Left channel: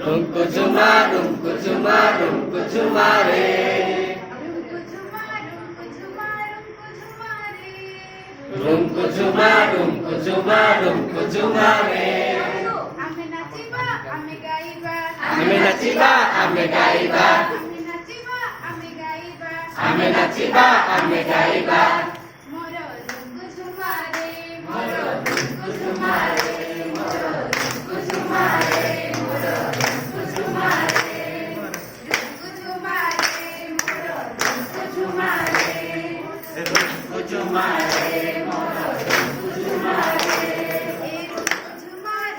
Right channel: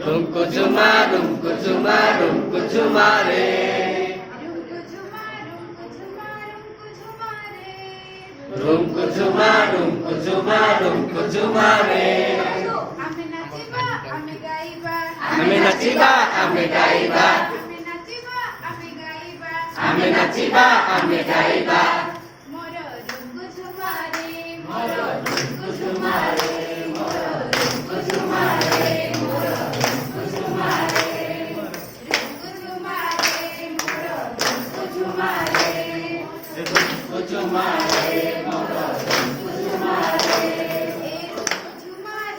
Rumku cuma, rumku cuma, rumku cuma re. Rumku cuma, rumku cuma, rumku cuma re. Ame naciba, ame gaiba. Ame naciba, ame gaiba. Moro rumku cuma re, moro rumku cuma re, moro rumku cuma re, moro rumku cuma re, rumku cuma re, moro rumku cuma re, Rumku cuma re, moro rumku cuma re.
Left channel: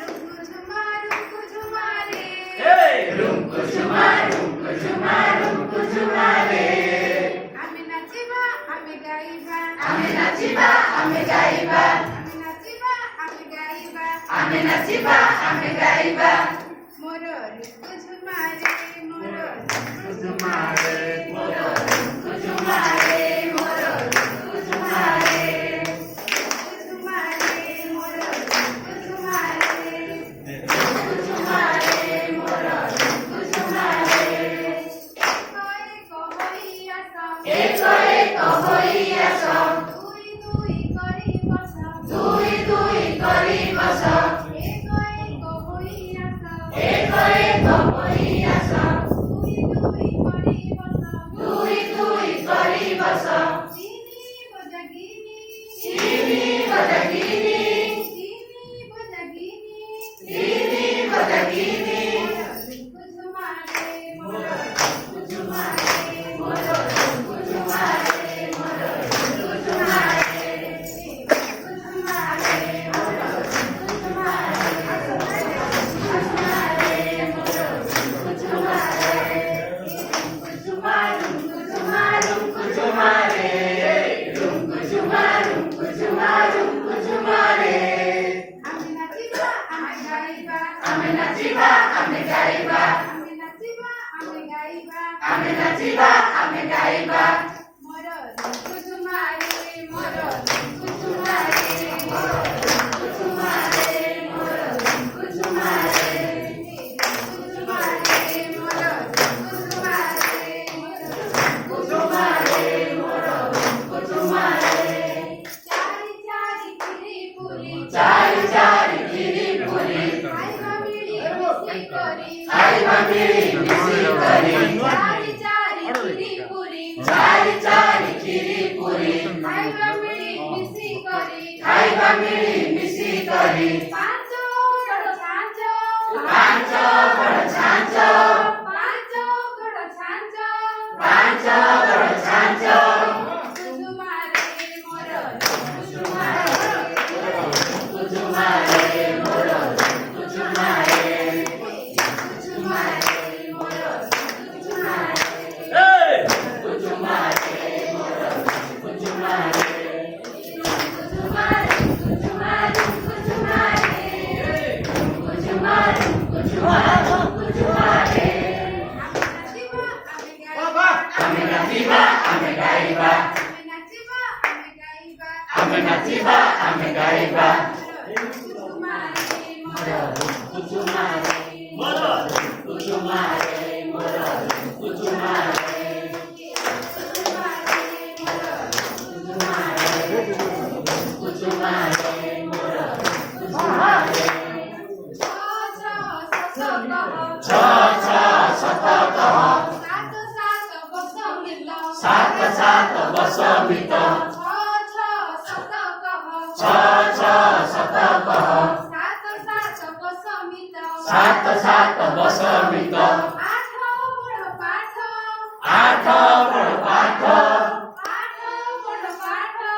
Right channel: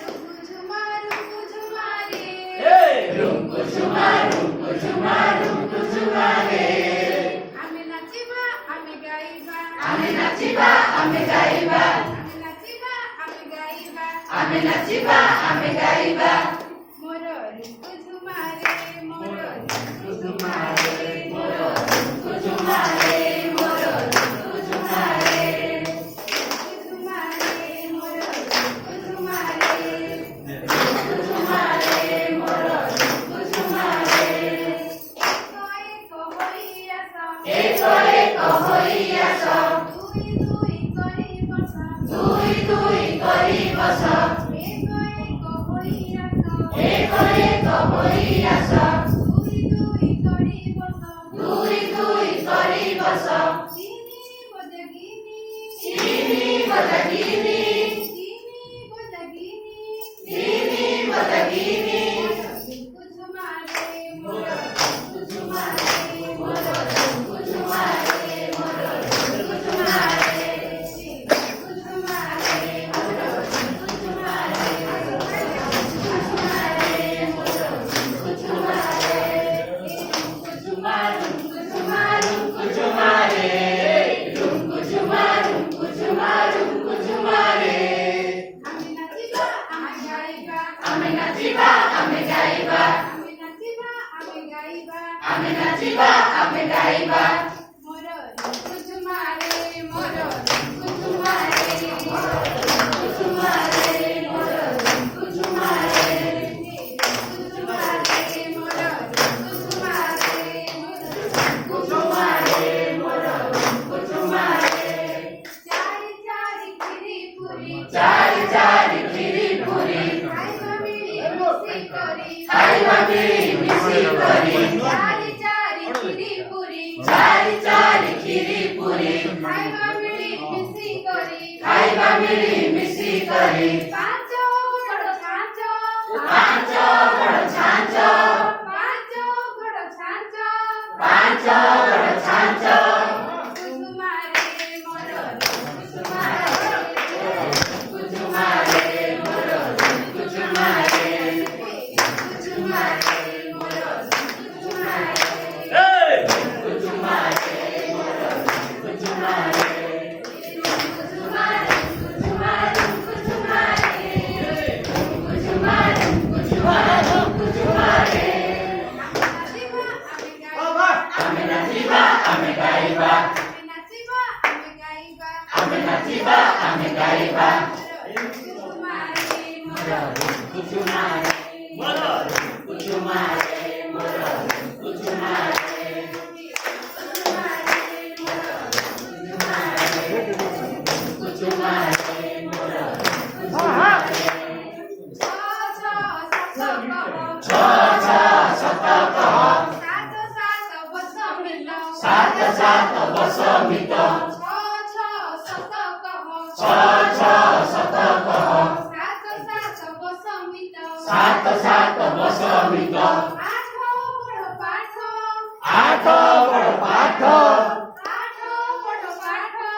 rumku cuma re. Hey, rumku cuma, rumku cuma, rumku cuma re. Ame naciba, ame gaiba. Ame naciba, ame gaiba. Ame naciba, ame gaiba. Ame naciba, ame gaiba. Moro rumku cuma re, moro rumku Cuma re, moro rumku cuma re, moro rumku cuma re. cuma re, moro rumku cuma re. Rumku cuma re, moro rumku cuma re. Eko eko hoiya so, Dui dui kori basa. dui dui kori baso. Eko eko hoiya so. Eko eko hoiya so, Dui dui kori basa. dui dui kori baso. Chini bojagini. Chini badagini, Chini bojagini. chini badagini. Rumku cuma re, moro Rumku cuma re, moro rumku cuma re, moro rumku cuma re. rumku cuma re, moro rumku cuma re. Ame naciba, ame gaiba. Ame naciba, ame gaiba. Moro rumku cuma re, moro rumku cuma re, moro rumku cuma re, moro rumku cuma re. Rumku cuma re, moro rumku cuma re, moro rumku cuma re, moro rumku cuma re. Chari chari khiri puri, Chari chari khiri puri, khaiba mili misi kori, khaiba mili misi kori. chari chari khiri puri, Chari chari khiri puri, khaiba mili misi kori, khaiba mili misi kori. પાંચો ઘડો છાંચો, પાંચો ઘડો છાંચો, પાંચો ઘડો છાંચો. પાંચો ઘડો છાંચો. કુસુમા રે મોરો કુસુમા રે, કુચુમા રે, મોરો કુચુમા રે. કુસુમા રે મોરો કુસુમા રે. કુચુમા રે, મોરો કુચુમા રે. કુસુમા રે કુસુમા રે કુસુમા રે. કુચુમા રે, કુચુમા રે, કુચુમા રે. અમે નાચીબા અમે ગાઈબા, અમે નાચીબા, અમે ગાઈબા. અમે નાચીબા અમે ગાઈબા. અમે નાચીબા, અમે ગાઈબા. કુસુમા રે મોરો કુચુમા રે, મોરો કુચુમા રે, મોરો કુચુમા રે. કુસુમા રે મોરો કુસુમા રે. કુચુમા રે, મોરો કુચુમા રે. છ છ છ છ સત કહો, સત કહો, સાત સાત વસ મિલો. સાત સાત વસ મિતો. છ સત કહો, છ છ સત કહો, સાત સાત વસ મિલો. સાત સાત વસ મિતો. આઠો બળો પાઠો, આઠ પડ પાઠો, આઠો બળો પાઠો.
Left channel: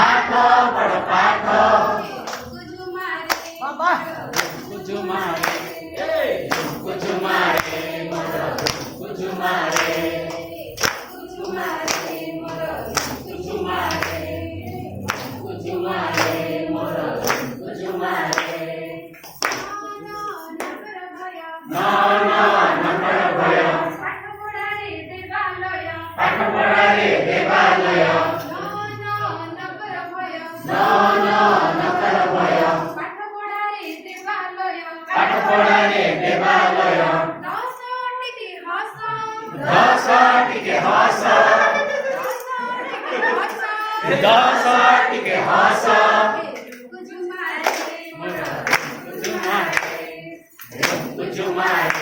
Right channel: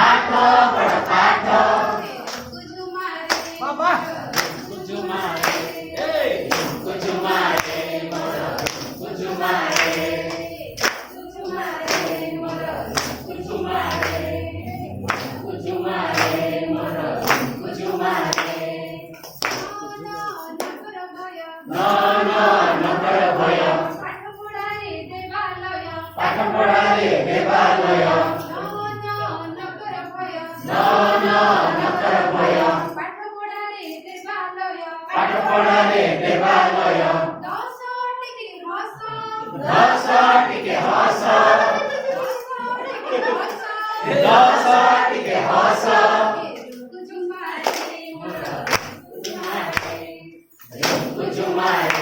આઠ પડ પાઠો. કુસુમા રે કુચુમા રે, કુચુમા રે, મોરો કુચુમા રે. કુસુમા રે મોરો કુચુમા રે, કુચુમા રે, મોરો કુચુમા રે. નગર ભય, નો નો હસ ટીકે હસ રૂકુ ઝુમારે મોરો રૂકુ ઝુમારે રૂકુ ઝુમારે